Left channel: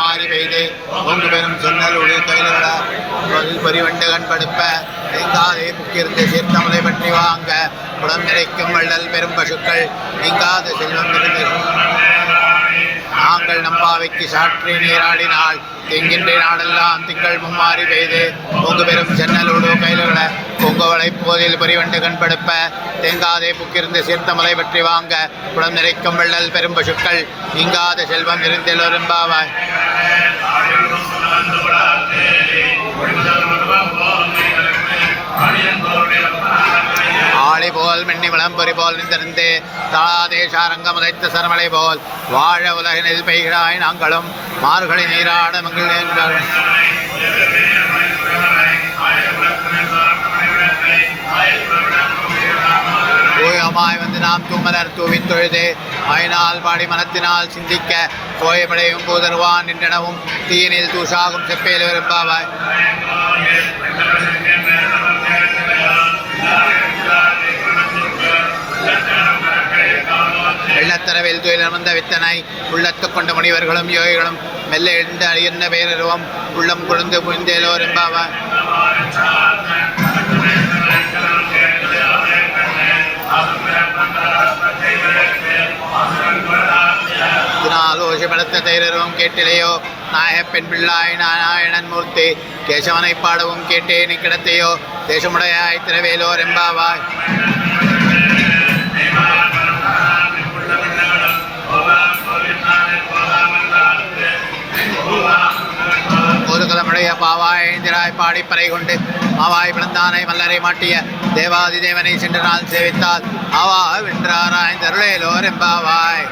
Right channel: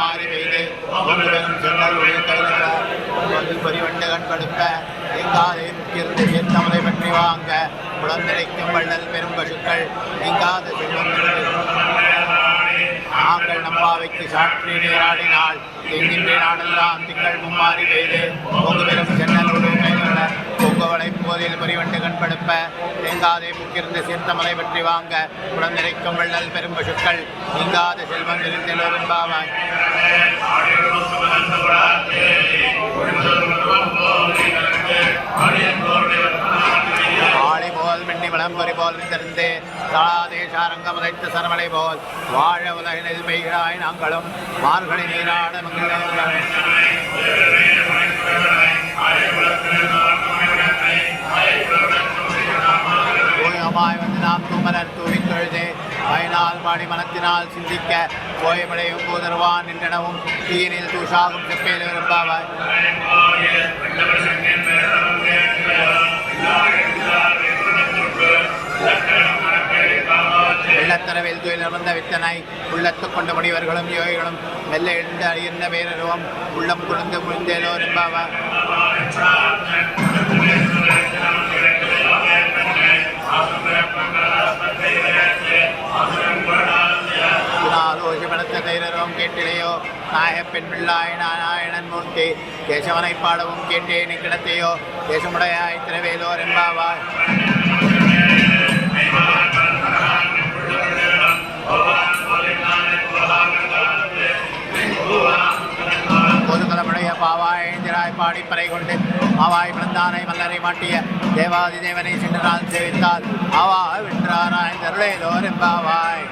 மும்மாறி பெய்து பொங்கு பெரும் சொன்னல் உடைய கையில் பரிவண்டுகண் படுப்ப எங்காதே முக்கியிருந்த சீர்த்தமலை பற்றி வாங்க புலம் நிறைக்கும் வள்ளல் பெரும் பசுக்கள் நீங்காத செல்வம் இருந்து நாங்கள் நம்பாவைக்கு சாற்றி நீராடினால் எங்கின்ற நாடெல்லாம் திங்கள் மும்மாறி பெய்து பொங்கு பெரும் சென்னலோடு கையில பொங்கவளை போதில் பரிவண்டு கண்படுப்ப தேங்காதே புக்கிருந்த சீர்த்தமலை பற்றி வாங்க குளம் நிறைக்கும் வள்ளல் பெரும் பசுக்கள் நீங்காத செல்வம் இருந்தெல்லோரும் பாவாய். ஆளி போல் மின்னி விளம்பொறி போல் நின்றிருந்து தளாதேசாரங்கம் உதைத்த சரமலை போல் வாழ உலகினில் பெய்கிறாய் நாங்களும் மார்கழி நீராட மகிழ்ந்தேன். ஓயமாய் வந்து நாம் தூமலர் தூவின் தொழுது மயினால் பாடி மனத்தினால் சிந்திக்க கோயமடையும் பூதர்வான் நின்றனவும் தீயினில் தூஷாகும் செப்பேல் விரும்பாவாய். வெள்ளத்தரவில் துயிலமர்ந்த வித்தனை உள்ளத்து கொண்ட முனிவர்களும் யோகிகளும் மெல்ல எழுந்து அழியன்ன பேரருவம் உள்ளம் குழந்து புரிந்தேலோர் என்பாவாய். ஓஷப்படுத்த தைரருவம் கேட்டிலையோ நாயக பெண் பிள்ளாய் நாராயணன் மூர்த்தி கேசவனை பாடவும் கேட்டேனி கிடத்தையோ தேசமுடையாய் திரவேலோர் என்பாவாய். கோதுகலமுடைய பாவாய் ஐந்திராய் பாடி பறை கொண்டு ஆவாய் பிளந்தானை மல்லரை மாட்டிய தேவாதி தேவனை சென்ற நாள் சேவித்தால் ஆவா வென்றாராய் தருளேலோர் என்பாவாய்.